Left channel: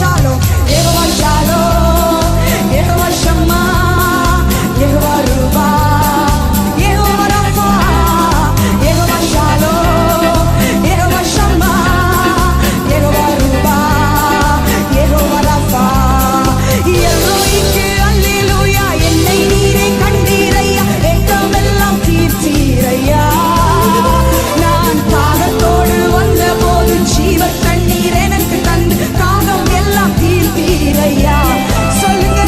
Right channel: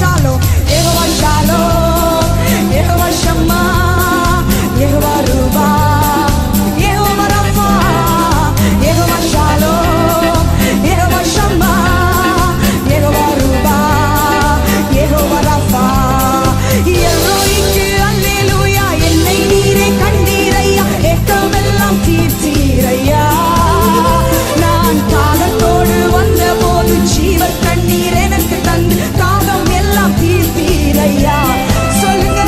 Shalom, Yehovah Shalom, Yehovah Shammah, Yehovah Ruba, Yehovah Rapha, Yehovah Shalom, Yehovah Shammah, Yehovah Ruba, Yehovah Rapha. எல்ரோய்க்கு அல்லேலூயா, என்னை நீரே கண்டீரையா, ஏக்கமெல்லாம் தீர்த்தீரையா. நான் தாகத்தோடு வந்த போது ஜீவ தண்ணீர் எனக்கு தந்து தாகம் எல்லாம் தீர்த்தீரையா. சொல்லுங்க,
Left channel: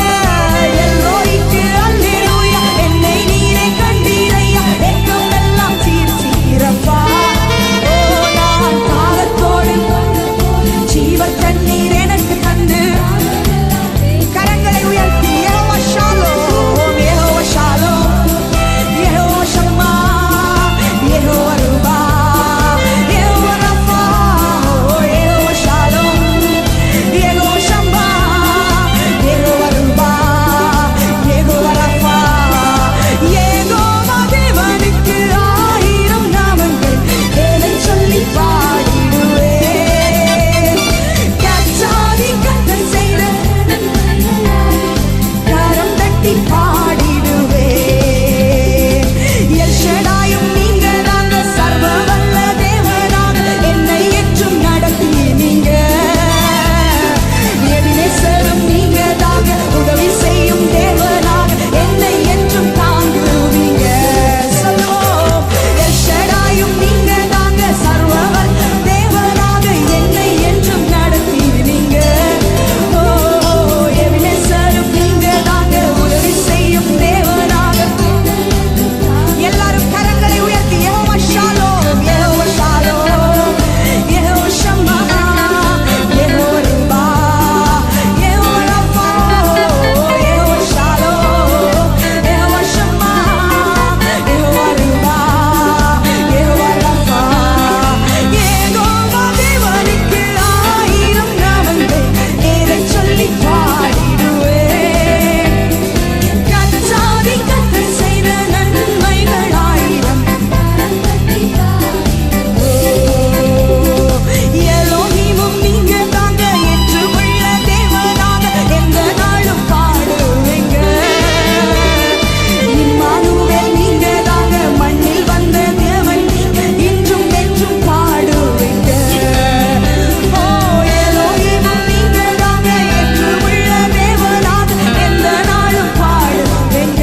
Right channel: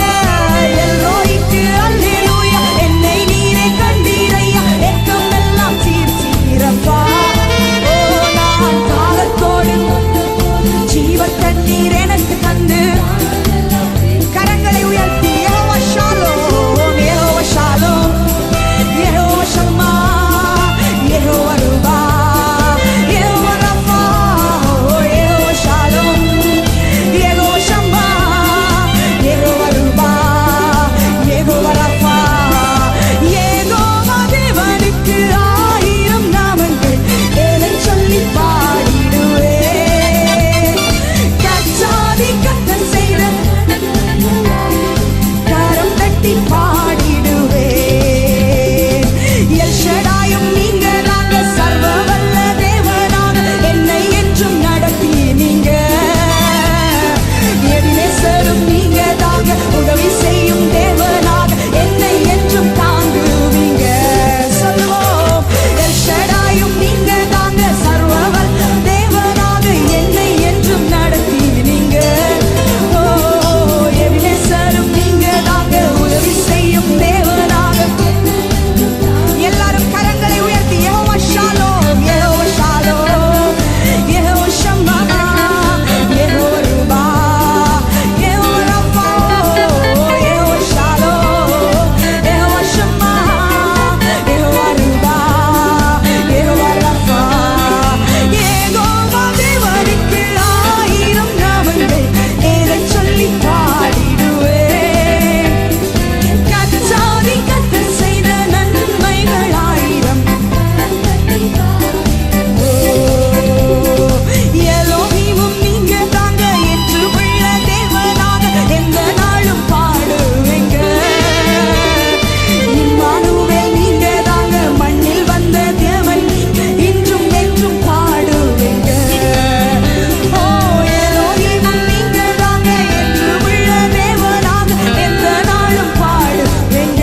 எல்ரோய்க்கு அல்லேலூயா, என்னை நீரே கண்டீரையா, ஏக்கமெல்லாம் தீர்த்தீரப்பா. ஓ, நான் தாகத்தோடு ஜீவ தண்ணீர் எனக்கு தந்து. கரங்களை உயர்த்தி யெகோவா ஷாலோம், யெகோவா ஷாலோம், யெகோவா ஷம்மா, யெகோவா ரூபா, யெகோவா ரஃபா, யெகோவா ஷாலோம், யெகோவா ஷம்மா, யெகோவா ரூபா, யெகோவா ரஃபா. யெகோவா தேவனுக்கு 1000 நாமங்கள், எதை சொல்லி பாடிடுவேன். கச்சாதி கத்தர் செய்த கரம் தட்டி பாடிடுவேன். எல்ஷடாயும் நீங்க தாங்க, சர்வ வல்ல தேவனாக என்னை என்றும் நடத்தி நீங்க. எபினேசரும் நீங்க தாங்க, உதவி செய்யும் தேவனாக என்னை என்றும் தாங்குவீங்க. சொல்லுவோம், எல்ஷடாயும் நீங்க தாங்க, சர்வ வல்ல தேவனாக என்னை என்றும் நடத்தி நீங்க. எபினேசரும் நீங்க தாங்க, உதவி செய்யும் தேவனாக. எல்லாரும் கரங்களை உயர்த்தி யெகோவா ஷாலோம், யெகோவா ஷாலோம், யெகோவா ஷம்மா, யெகோவா ரூபா, யெகோவா ரஃபா, யெகோவா ஷாலோம், யெகோவா ஷம்மா, யெகோவா ரூபா, யெகோவா ரஃபா. யெகோவா தேவனுக்கு 1000 நாமங்கள், எதை சொல்லி பாடிடுவேன். கச்சாதி கத்தர் செய்த நன்மைகள் 1000. எலோஹிமும் நீங்க தாங்க, என்று உள்ள தேவனாக எந்த நாளும் பாடுவேங்க. இம்மானுவேல் நீங்க தாங்க, மண்ணில் வந்த தேவன் இன்றும் என்றும் பாடுவேங்க. ஓ, எலோஹிமும் நீங்க தாங்க, என்று உள்ள தேவனாக எந்த நாளும் பாடுவேங்க.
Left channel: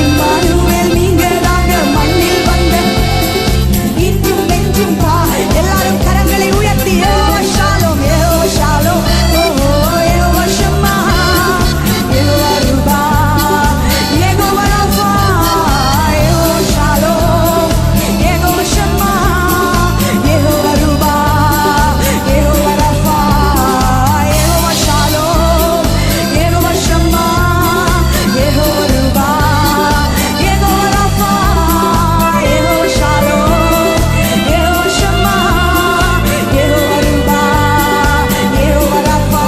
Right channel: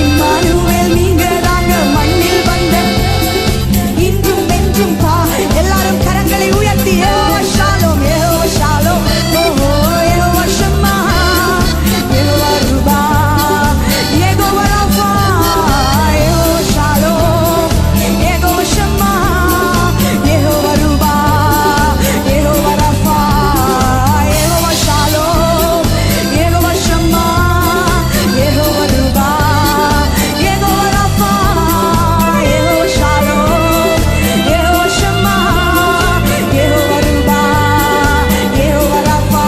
இம்மானுவேல் நீங்க தாங்க, மண்ணில் வந்த இன்றும் என்றும் எல்லாரும் கரங்களை உயர்த்தி யெகோவா ஷாலோம், யெகோவா ஷாலோம், ஓஹோ, யெகோவா ஷம்மா, யெகோவா ரூபா, யெகோவா ரஃபா, யெகோவா ஷாலோம், யெகோவா ஷம்மா, யெகோவா ரூபா, யெகோவா ரஃபா, யெகோவா ஷாலோம், யெகோவா ஷம்மா, யெகோவா ரூபா, யெகோவா ரஃபா, யெகோவா ஷாலோம், யெகோவா ஷம்மா, யெகோவா ரூபா, யெகோவா ரஃபா.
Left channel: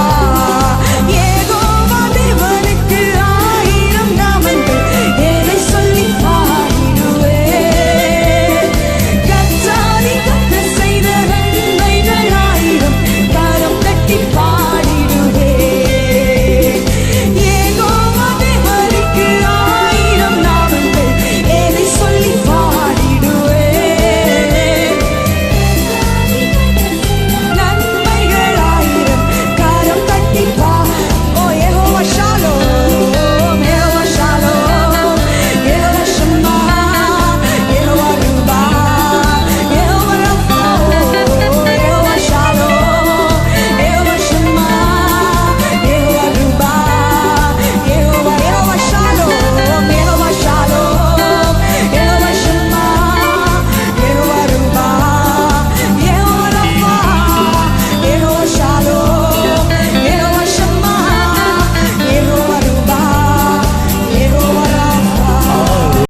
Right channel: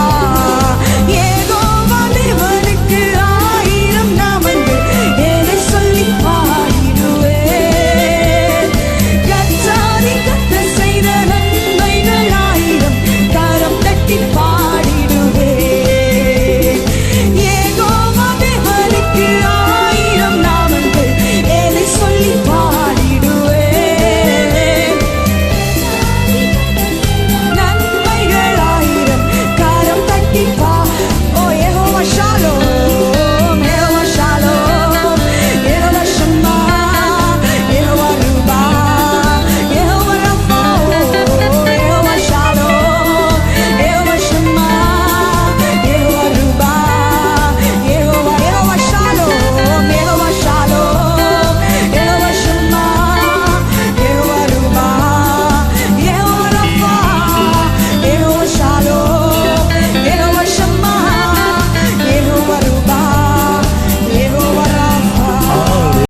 யெகோவா தேவனுக்கு 1000 நாமங்கள், எதை சொல்லி பாடிடுவேன். கச்சாதி கத்தர் செய்த நன்மைகள் 1000, கரம் தட்டி பாடிடுவேன். யெகோவா தேவனுக்கு 1000 நாமங்கள், எதை சொல்லி பாடிடுவேன். நன்மைகள் 1000, கரம் தட்டி ஓ, யெகோவா ஷாலோம், யெகோவா ஷாலோம், யெகோவா ஷம்மா, யெகோவா ரூபா, யெகோவா ரஃபா, யெகோவா ஷாலோம், யெகோவா ஷம்மா, யெகோவா ரூபா, யெகோவா ஷாலோம், யெகோவா ஷாலோம், யெகோவா ஷம்மா, யெகோவா ரூபா, யெகோவா ரஃபா, யெகோவா ஷாலோம்.